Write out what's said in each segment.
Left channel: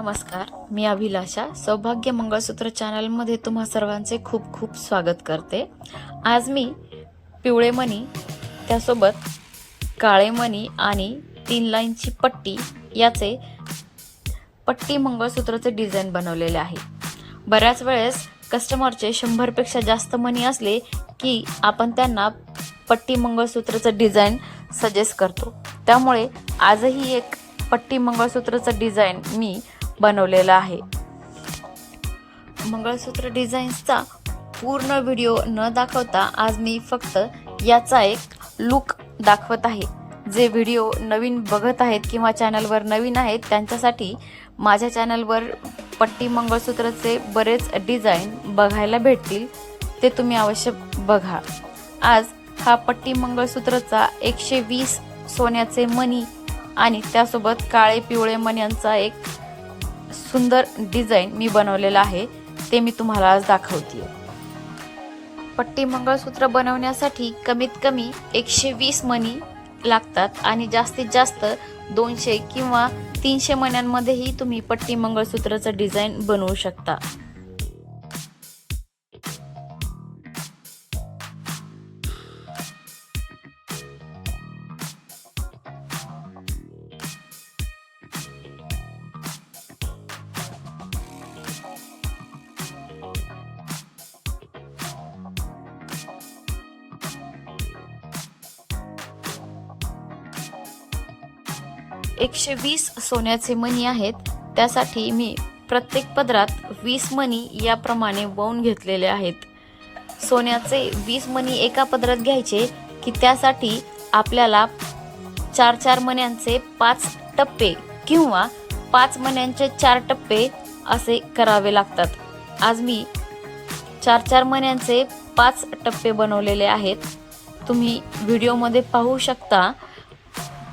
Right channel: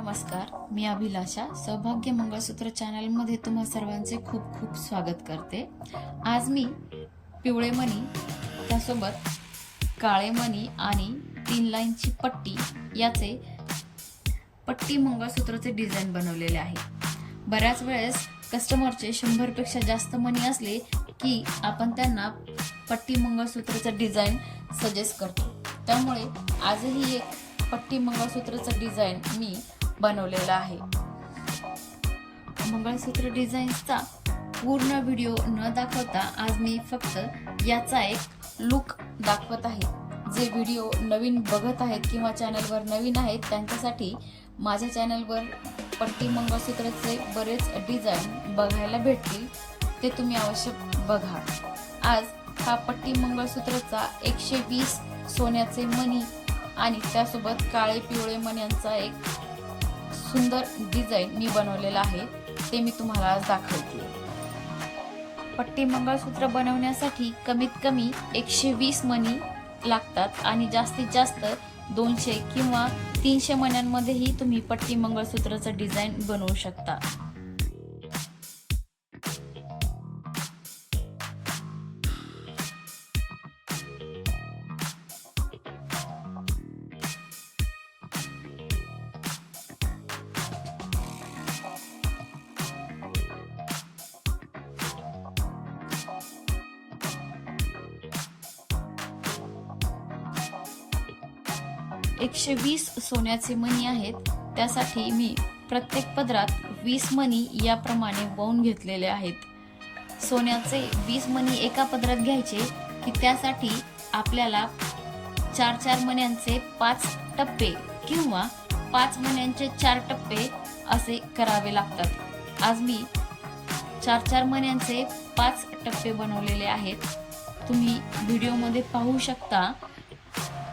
नमस्कार, मी अभिलाषा सौभाग्य मंगळसूत्र चॅनलमध्ये तुम्हा सर्वांचे खूप खूप स्वागत करते। आज मी पिवळे मणी त्यासोबत काळे मणी आणि 3 लाईनची पट्टी याचे पट्टी मंगळसूत्राचे डिझाइन बनवलेले आहे। बऱ्याच वेळेस कस्टमरचे 100 पेक्षा जास्त मणी असले की आपण त्यांना पट्टी मंगळसूत्राचे डिझाइन सजेस्ट करतो। त्यामुळे आजही एक पट्टी मंगळसूत्राचं डिझाइन मी बनवलेला आहे। मंगळसूत्र डिझाईन्सचा पूर्ण व्हिडिओ न दाखवता आज मी फक्त याचा एक लुक दाखवत आहे। जे व्हिडिओ नवीन बघत आहेत किंवा चॅनलवर नवीन आहेत त्यांच्यासाठी माझ्या चॅनलवर पट्टी मंगळसूत्राचे बरेच डिझाइन बघायला भेटतील, ते तुम्ही अवश्य बघा। आज हा पट्टी मंगळसूत्राचा 120 सोन्याचे मणी आणि त्यासोबत काळे पिवळे मण्यांचा एक सुंदर डिझाइन मी बनवलेला आहे, ते मी तुम्हाला आज दाखवते। पट्टी मंगळसूत्र बनवण्यासाठी कमीत कमी 120 मणी लागतात आणि जास्तीत जास्त 200 किंवा 300 मण्यांमध्येही तुम्ही पट्टी मंगळसूत्राचं डिझाइन बनवू शकता। एकशे 120 सोन्याचे मणी आहेत, त्यासाठी मी प्रत्येक पदरात 20 मणी याप्रमाणे वळून घेतलेले आहेत। सोन्याचे 20 मणी एका पदरात घ्यायचे की त्यासाठी आपल्याला 4-4 मण्यांचे 5 टप्पे किंवा 5 मण्यांचे 4 टप्पे असे करावे लागतात। आज मी 4-4 मण्यांचे 5 टप्पे बनवलेले आहेत। तुम्ही व्हिडिओमध्ये पाहू शकता।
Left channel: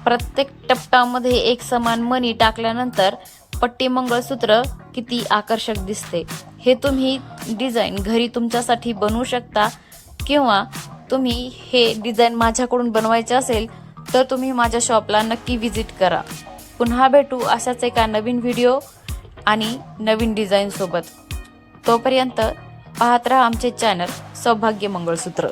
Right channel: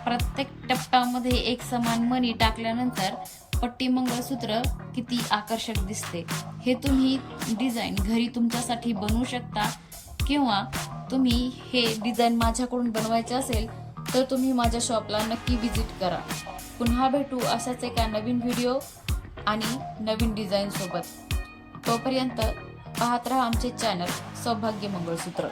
प्रत्येक टप्प्यामध्ये एक समान मणी टाकल्यानंतर पट्टी मंगळसूत्र किती आकर्षक दिसते। हे तुम्ही डिझाइन घरी तुमच्यासाठी बनवू शकता किंवा तुम्ही हे डिझाइन माझ्याकडून बनवायचे असेल तर तुम्ही माझ्या शॉपला नक्की विजिट करा। पुन्हा भेटू अशाच एका नवीन व्हिडिओ आणि नवीन डिझाइन सोबत। तोपर्यंत पाहत रहा आमचे चॅनल सौभाग्य मंगळसूत्र।